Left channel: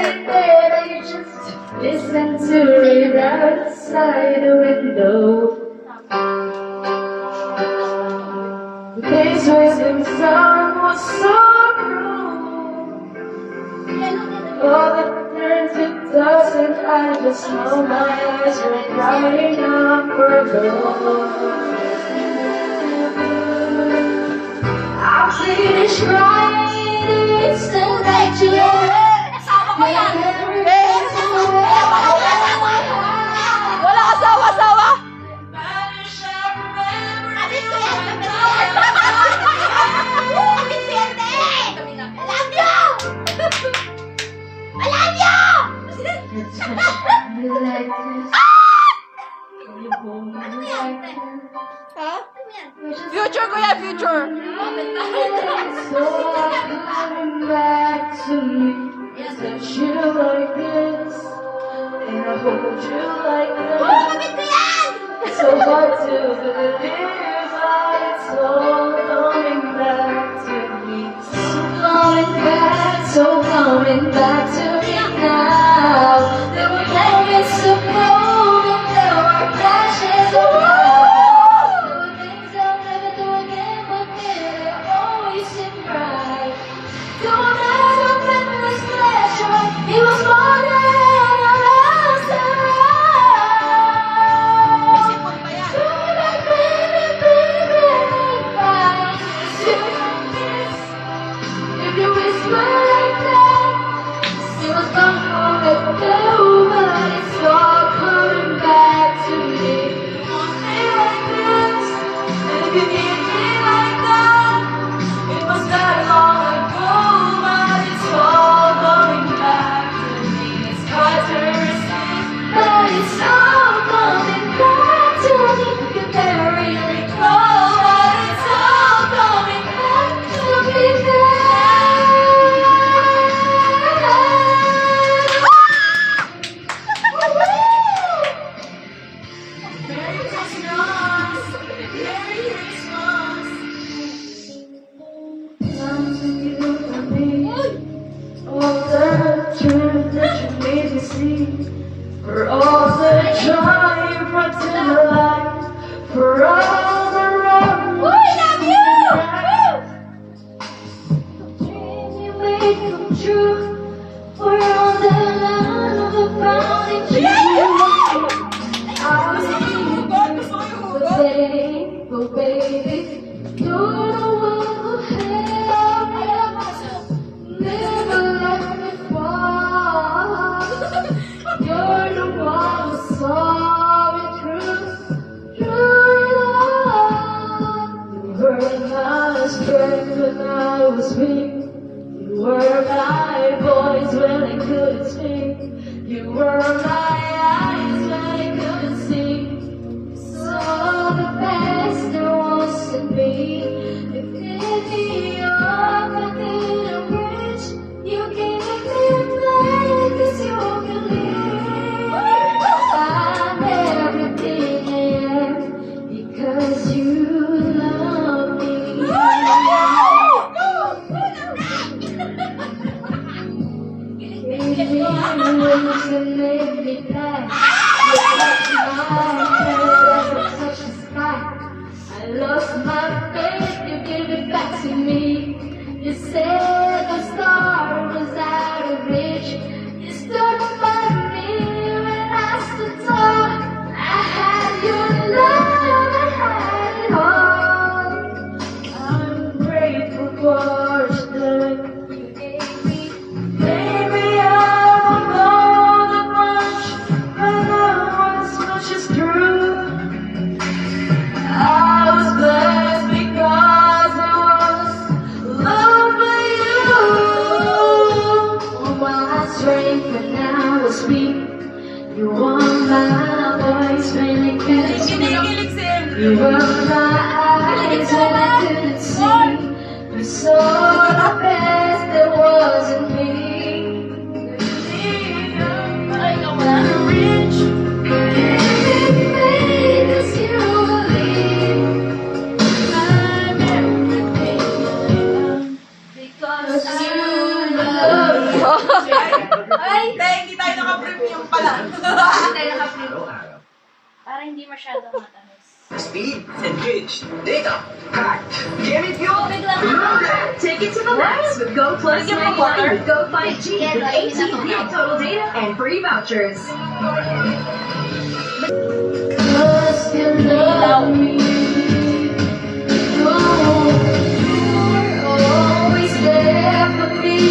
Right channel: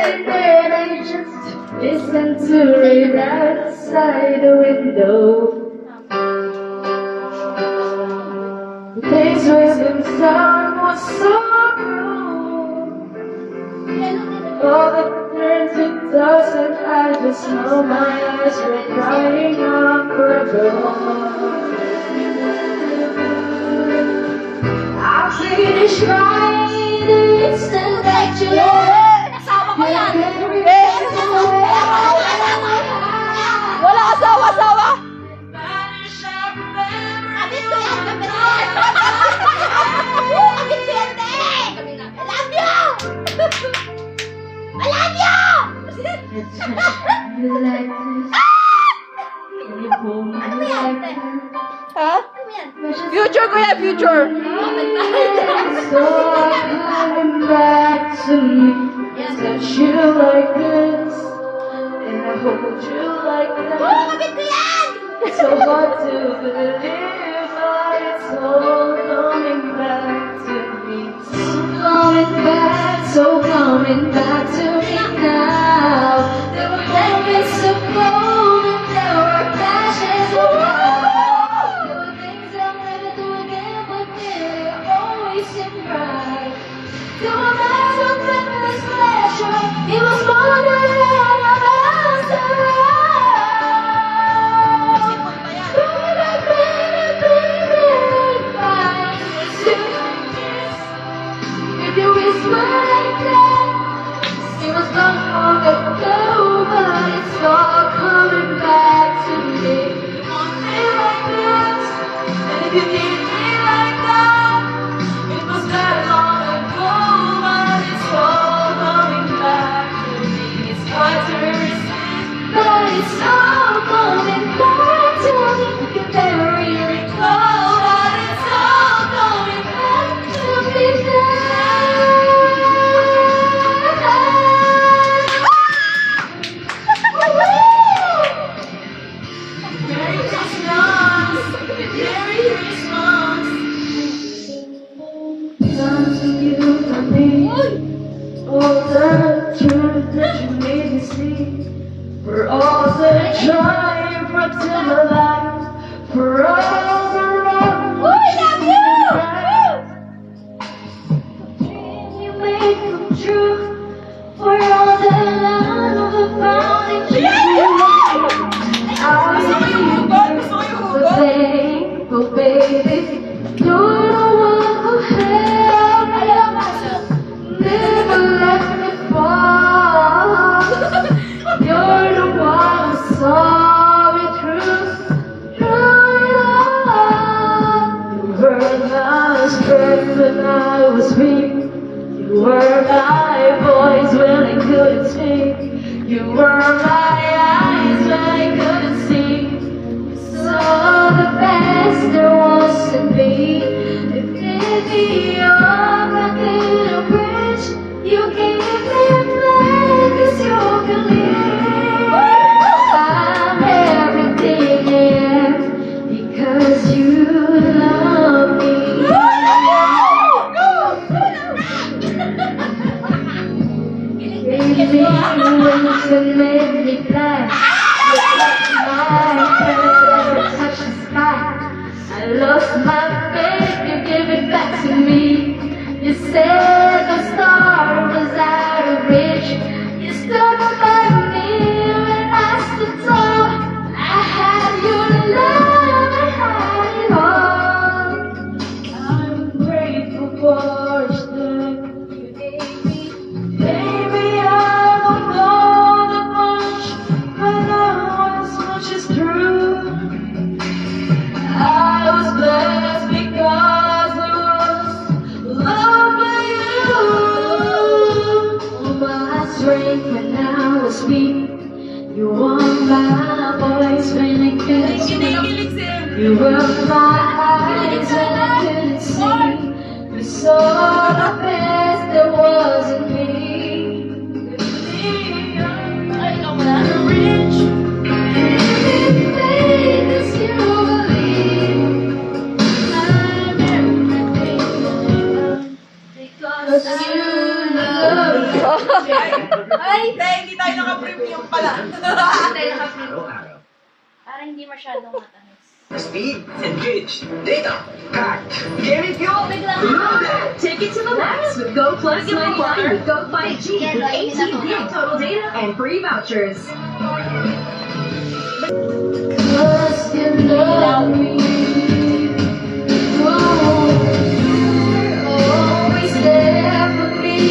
lying there and just listen to it outside the window. The place where the sun was so cruel. All that turned to dust and I just know my eyes were crying out for gold. I'm pretty sure it's the that you Wala asawa-asawa! Ha? Future kuya, future! So coming back to me, touch you like this, and I hold you like that. So hard to believe, but it's all coming back to me. So coming back to me now. There were moments of gold and there were flashes of light. There were things I'll never do again, but they always seem right. So that's what made me special. It was more than if you whisper like that, it was gone long ago, but it's all coming back to me. You want me like this, and if you need me like that, it was that long ago, but it's all coming back to me. It's hard to resist, but it's all coming back to me. You never really recall, but it's all coming back to me now. For all the joy you brought to my life, for all the road you made come true, for all the love I found in you. I'm thankful, baby. You're the one who held me up, never let me fall. You're the one who saw me through it all. You heard my strength when I was weak. You were my voice when I couldn't speak. You were my eyes when I couldn't see. You saw the best there was in me. You gave me all I couldn't wish. You gave me a plan 'cause you believe. I'm everything I am because you love me. You made me fly. You touched my hand and you touched the sky. I lost my faith, you gave it back to me. You said the star was out of reach. You stood by me when I stood tall. I had your love, I had it all. I'm grateful for the strength you gave me. Baby, I won't go that much, I know as much is true. I was blessed because I was loved by you. All my strength when I was weak. You were my voice when I couldn't speak. You were my eyes when I couldn't see. You saw the best there was in me. I know when I reach. Because you love me. Ay, hindi tayo naka-premium pala. Para hindi masyadong matamis. Speed, engage, data, pack, gaming fuel, take it to the max with Go Plus Mobile or Go 5G with 18 gig total data and free vouchers. Cause you love me. You're always there for me.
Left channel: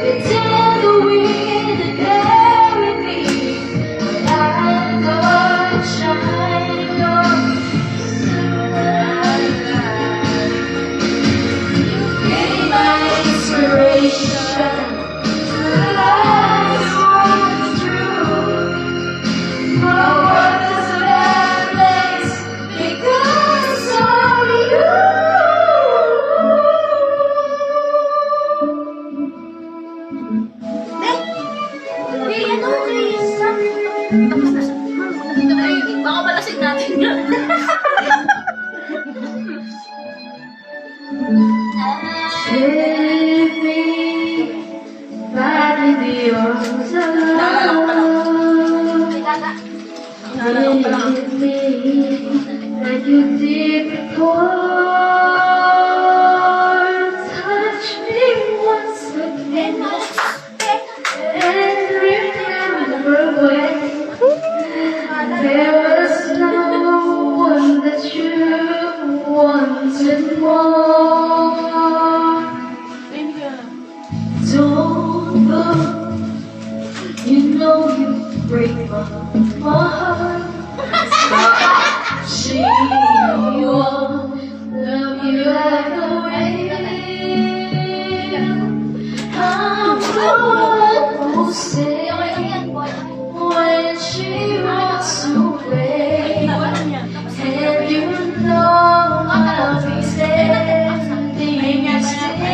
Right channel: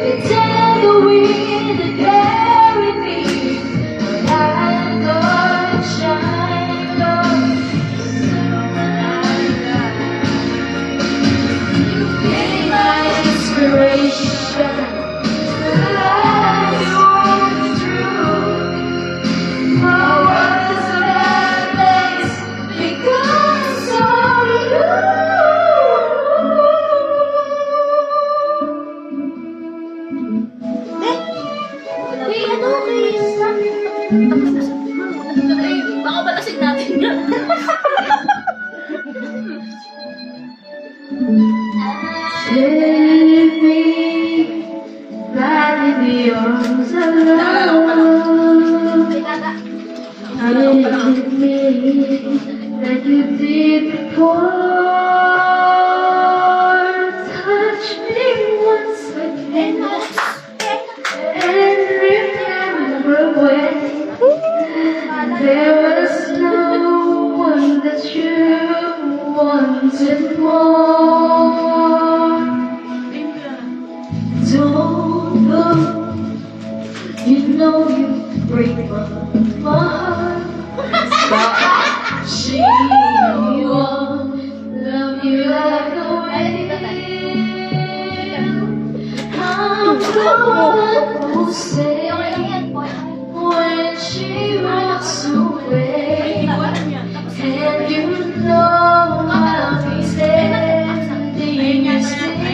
The tender wind that carry me. When I'm not shining on. Be my inspiration. To life is true. My world is a bad place because of Baka malasig natin yan. Living right in the arms of love. With me like you did before. Touch me once again and remember when there was no one that you wanted more. Don't go, you know you break my heart. She won't love you the way I'm the one who say when she wants to play, and you know I'll be standing still.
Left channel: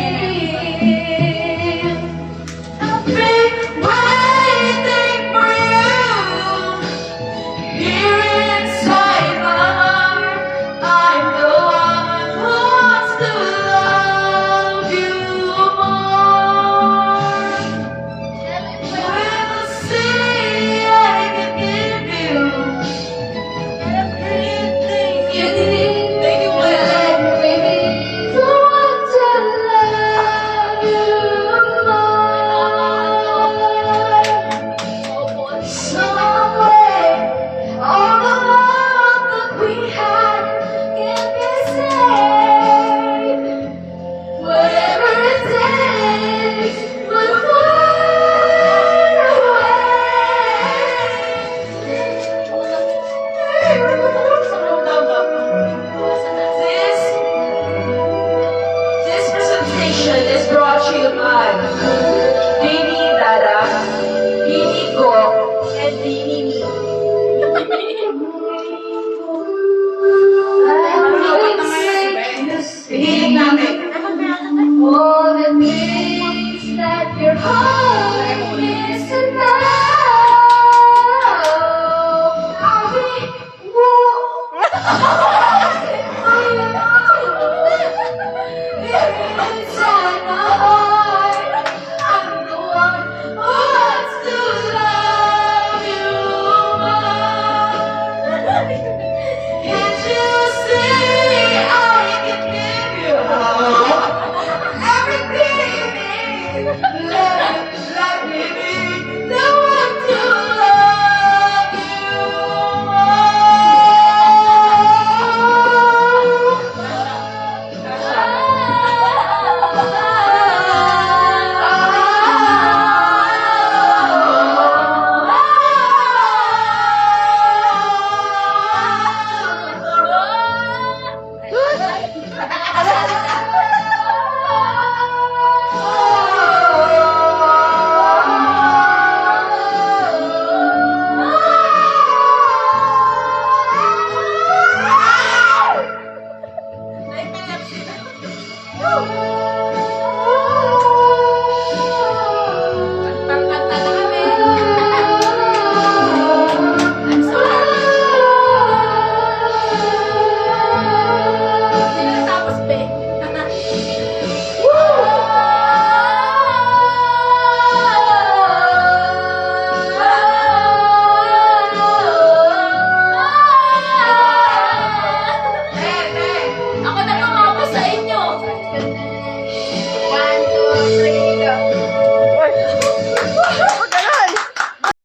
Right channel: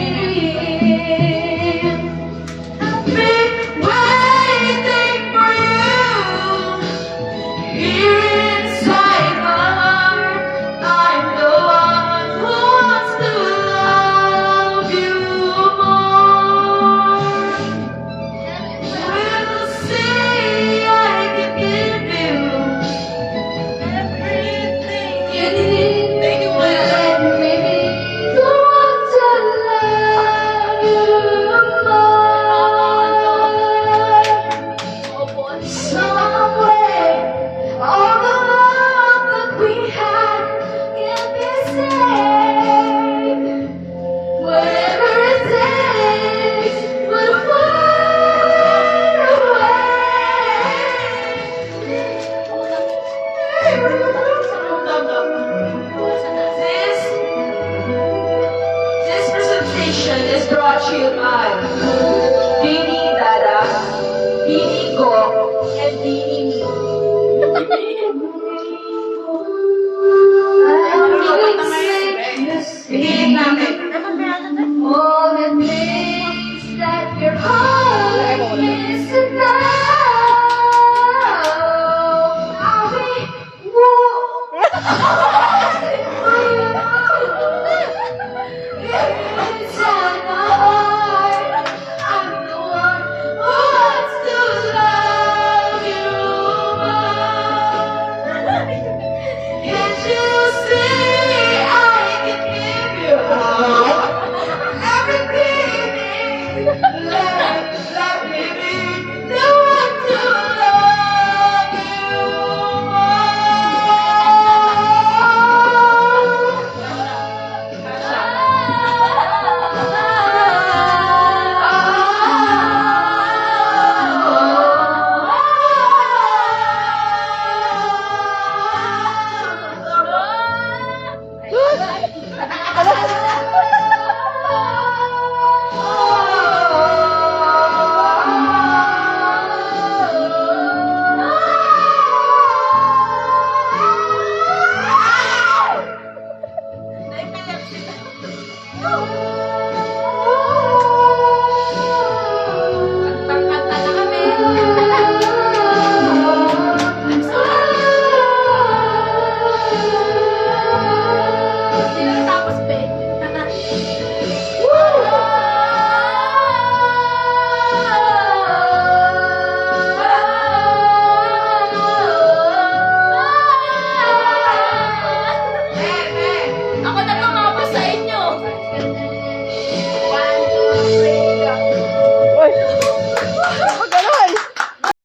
I've been waiting for you here inside my Ako na tumapos sa inyo.